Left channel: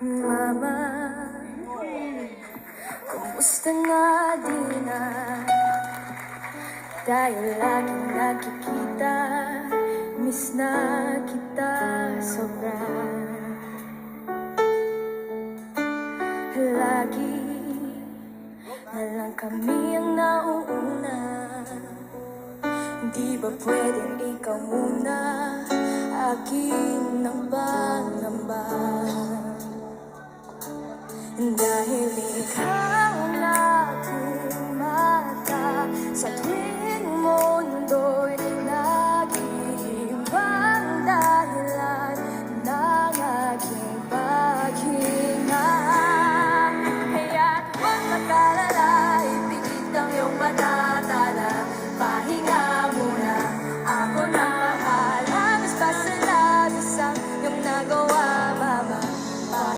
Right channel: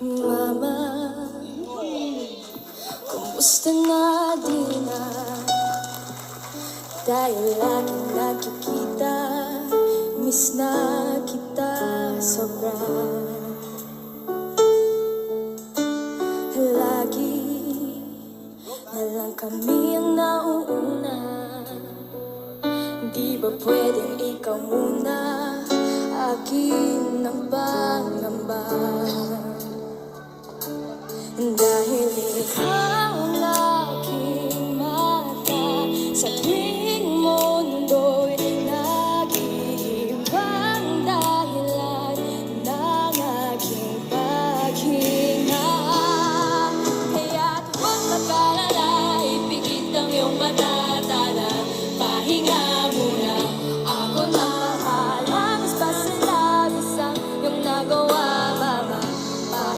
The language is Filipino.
Mama, kumusta na di na tayo laging nakikita? Miss na kita sobra. Lagi na lang kami ang nauuna. Di ba pwedeng ikaw muna? Akin ang pangamba. Dahil ikaw